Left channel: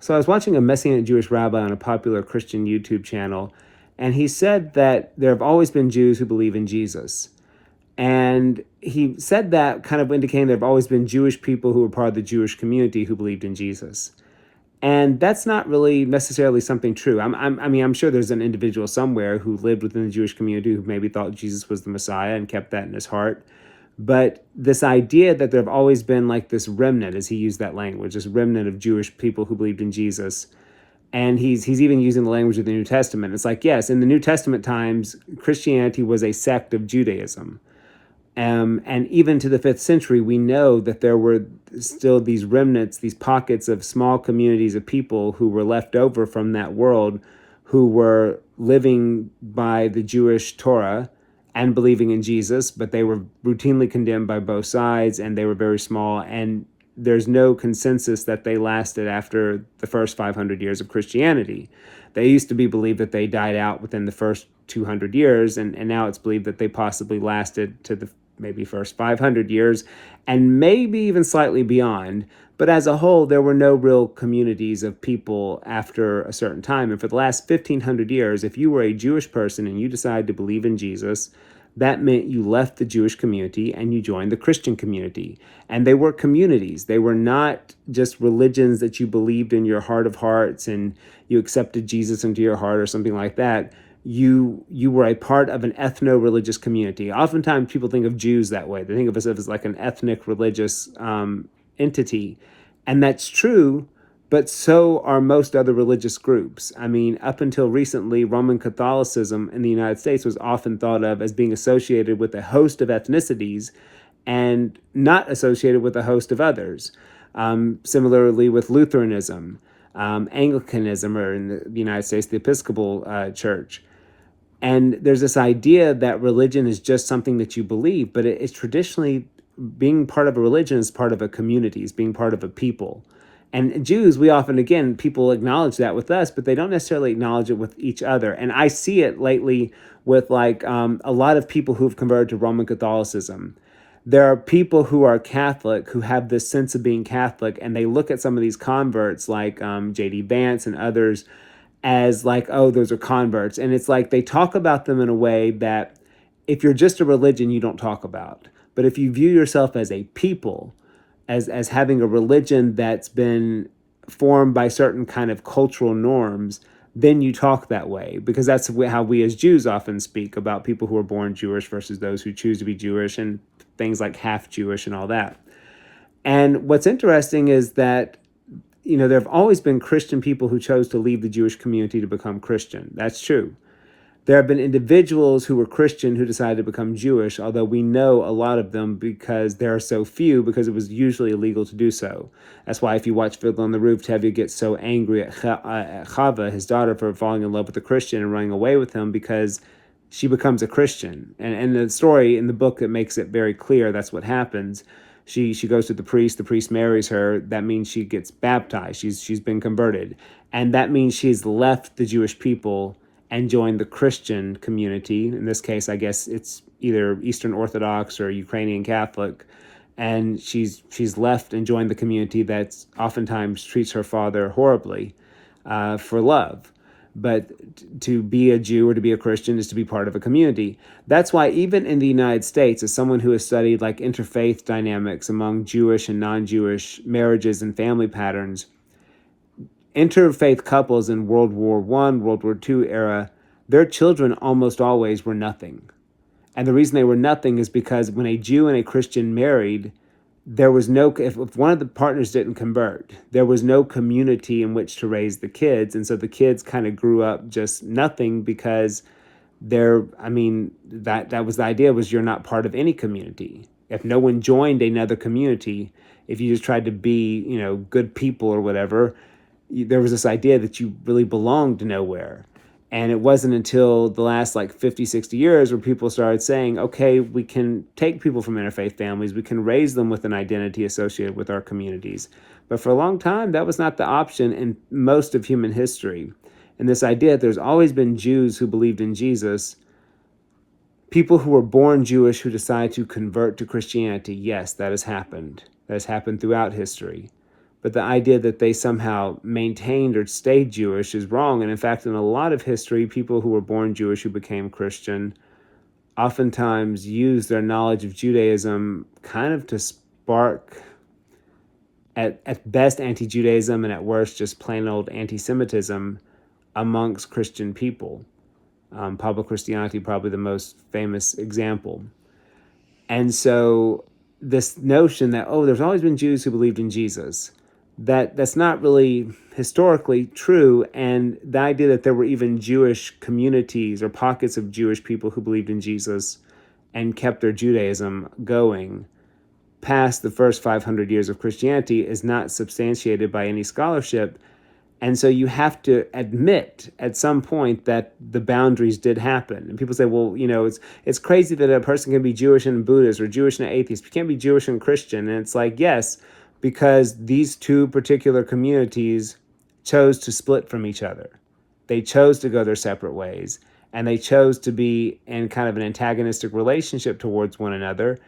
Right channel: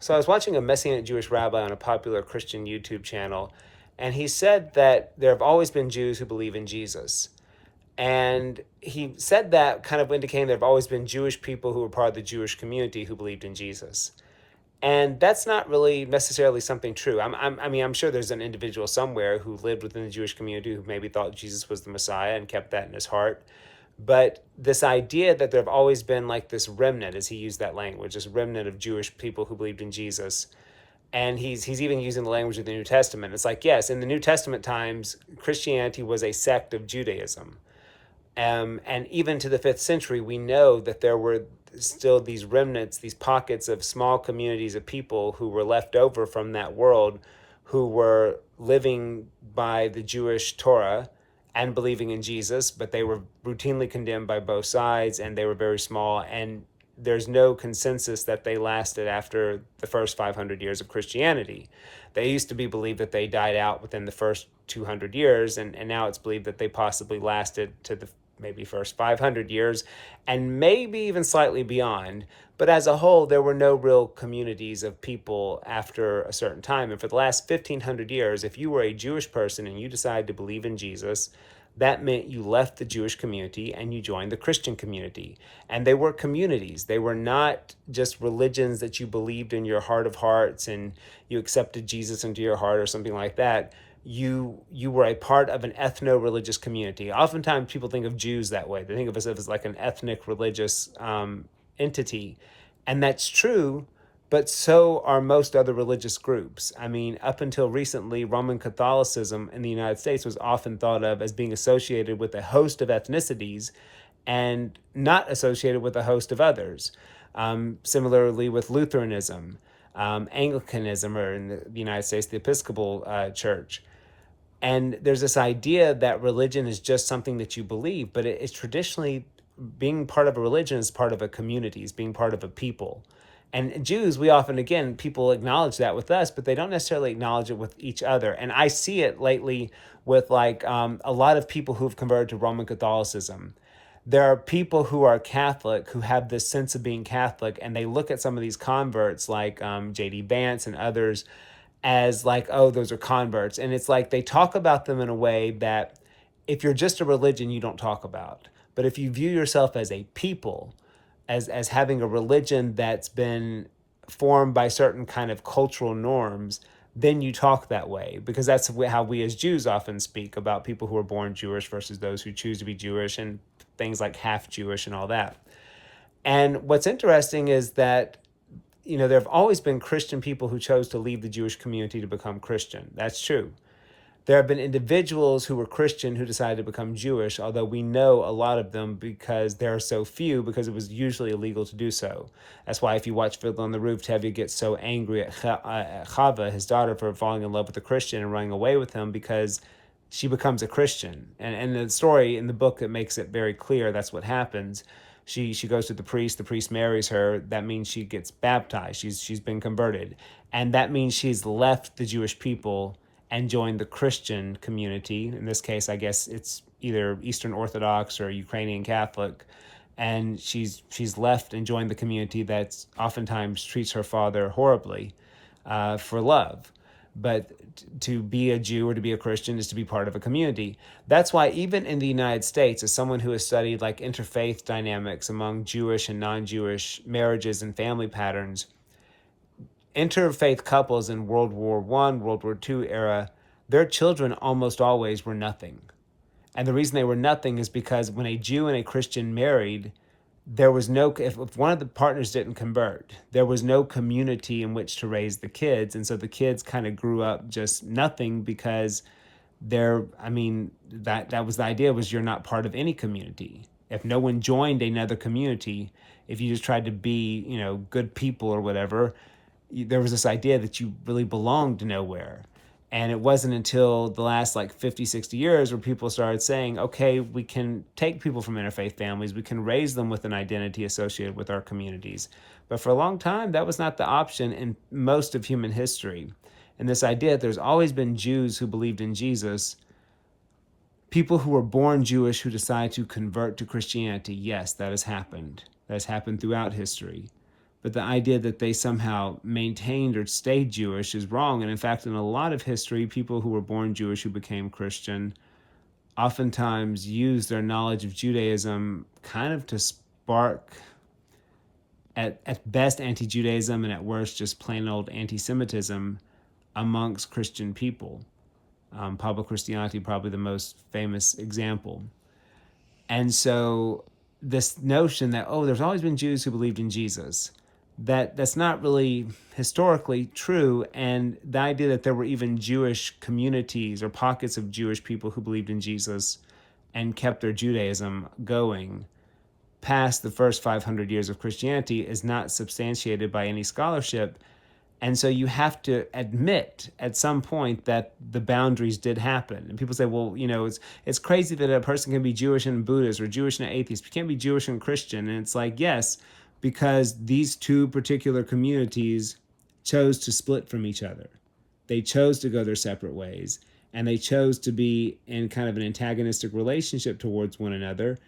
So I was watching a Messianic Jewish rabbi on a popular Christian YouTube channel, and he said that there have always been Jews who believe in Jesus. And he said that kind of indicating there have always been Jewish people who were part of the Jewish community who believed in Jesus. And that's not really necessarily something true. I'm sure there's an individual somewhere who lived within the Jewish community who maybe thought Jesus was the Messiah and kept that in his heart. But this idea that there have always been like this remnant, as he used that language, this remnant of Jewish people who believed in Jesus, and he's even using the language of the New Testament. It's like, yes, in the New Testament times, Christianity was a sect of Judaism. And even to the 5th century, we know that there were still these remnants, these pockets of small communities of people who were left over from that world, who were living by the Jewish Torah and believing in Jesus, but they were routinely condemned by both sides, and they were very small. And there's no consensus that they lasted after the first 500 years of Christianity. They used to be believed that they died out within the first 200 years, and now it's believed that they possibly lasted to the maybe first 500 years, and maybe even slightly beyond. But as a whole, there were no real communities of people after a certain time. And for the last 1,500 years, if you were a Jewish person and you decided to believe in Jesus, that meant you left the Jewish community and you joined the Christian community. And they were communities. They were not just religions that you believed in your heart of hearts and you accepted Jesus into your heart or something like that. You were a part of an ethno-religious community. Oftentimes people think of Jews that way. They think of us as like an ethnic religious entity. And that's true, but so are most other religious groups. I mean, up until recently, Roman Catholicism in the United States was often thought of as being associated with a host of ethnicities and not associated with a host of others. Similarly with Lutheranism, Anglicanism, or in the United States, the Episcopal Church. And there's this idea that religion is just something that you believe, but it's traditionally being part of a religion is part of a community, is being part of a people. And Jews, we often, again, people acknowledge that with us, but they don't necessarily acknowledge it with each other. And I see it lately with like a lot of people who've converted to Roman Catholicism. There are people who are Catholic who have this sense of being Catholic, and they look at some of these converts like J.D. Vance and others as like, oh, those are converts. And it's like they talk about them in a way that if you're just a religion, you don't talk about. But if you view yourself as a people, as having a religion that's been formed by certain kind of cultural norms, then you talk that way, because that's how we as Jews often speak about people who are born Jewish versus those who choose to be Jewish, and things like half Jewish and all that. And what's interesting is that, you know, there have always been Christian people who chose to leave the Jewish community to become Christian. That's true. There have been individuals who were Christian who decided to become Jewish, although we know a lot of them because there are so few, because it was usually illegal to do so. That's why if you watch Fiddler on the Roof, Tevye gets so angry at Chava, his daughter, for falling in love with a Christian and running away with him, because she becomes a Christian. And the story in the book, it makes it very clear that's what happens. She goes to the priest marries her. That means she gets baptized. She's been converted. And that means she's left the Jewish people and joined the Christian community. In this case, I guess it's either Eastern Orthodox or Ukrainian Catholic. And she's left and joined the community that oftentimes treats her father horribly for love. But to be a Jew or to be a Christian is to be part of a community. That's why even in the United States, as someone who has studied like interfaith dynamics among Jewish and non-Jewish marriages and family patterns, interfaith couples in World War I, World War II era, their children almost always were nothing. And the reason they were nothing is because when a Jew and a Christian married, there was no, if one of the partners didn't convert, there was no community in which to raise the kids. And so the kids kind of grew up just nothing, because that was the idea, was you're not part of any community. If no one joined another community, if you just tried to be, you know, good people or whatever, there was this idea that you really belonged to nowhere. And it wasn't until the last like 50, 60 years where people started saying, okay, we can take people from interfaith families, we can raise them with an identity associated with our communities. But for a long time, that was not the option in most of human history. And this idea that there's always been Jews who believed in Jesus, people who were born Jewish who decided to convert to Christianity, yes, that has happened. That has happened throughout history. But the idea that they somehow maintained or stayed Jewish is wrong. And in fact, in a lot of history, people who were born Jewish who became Christian oftentimes use their knowledge of Judaism kind of to spark, at best, anti-Judaism, and at worst, just plain old anti-Semitism amongst Christian people. Public Christianity, probably the most famous example. And so this notion that, oh, there's always been Jews who believed in Jesus, that's not really historically true. And the idea that there were even Jewish communities or pockets of Jewish people who believed in Jesus and kept their Judaism going past the first 500 years of Christianity is not substantiated by any scholarship. And so you have to admit at some point that the boundaries did happen. And people say, well, it's crazy that a person can be Jewish and Buddhist or Jewish and atheist. You can't be Jewish and Christian. And it's like, yes, because these two particular communities chose to split from each other. They chose to go their separate ways, and they chose to be in kind of an antagonistic relationship towards one another,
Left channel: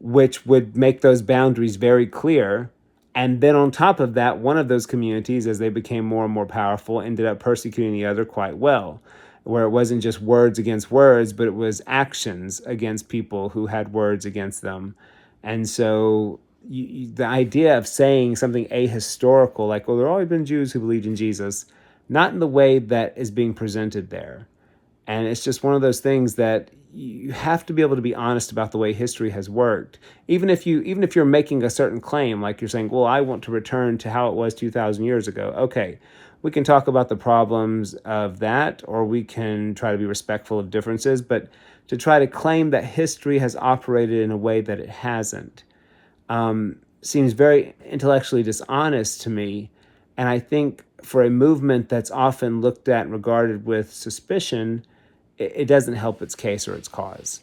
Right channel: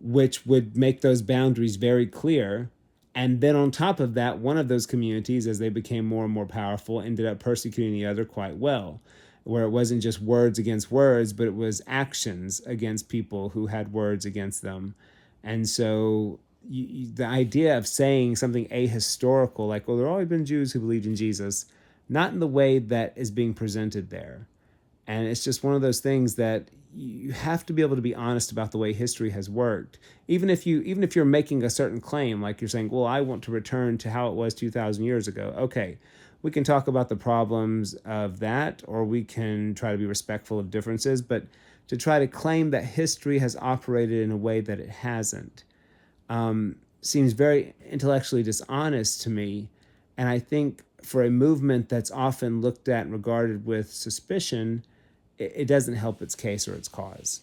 which would make those boundaries very clear. And then on top of that, one of those communities, as they became more and more powerful, ended up persecuting the other quite well, where it wasn't just words against words, but it was actions against people who had words against them. And so the idea of saying something ahistorical, like, oh, there have always been Jews who believed in Jesus, not in the way that is being presented there. And it's just one of those things that you have to be able to be honest about the way history has worked. Even if you're making a certain claim, like you're saying, well, I want to return to how it was 2,000 years ago. Okay, we can talk about the problems of that, or we can try to be respectful of differences. But to try to claim that history has operated in a way that it hasn't seems very intellectually dishonest to me. And I think for a movement that's often looked at and regarded with suspicion, it doesn't help its case or its cause.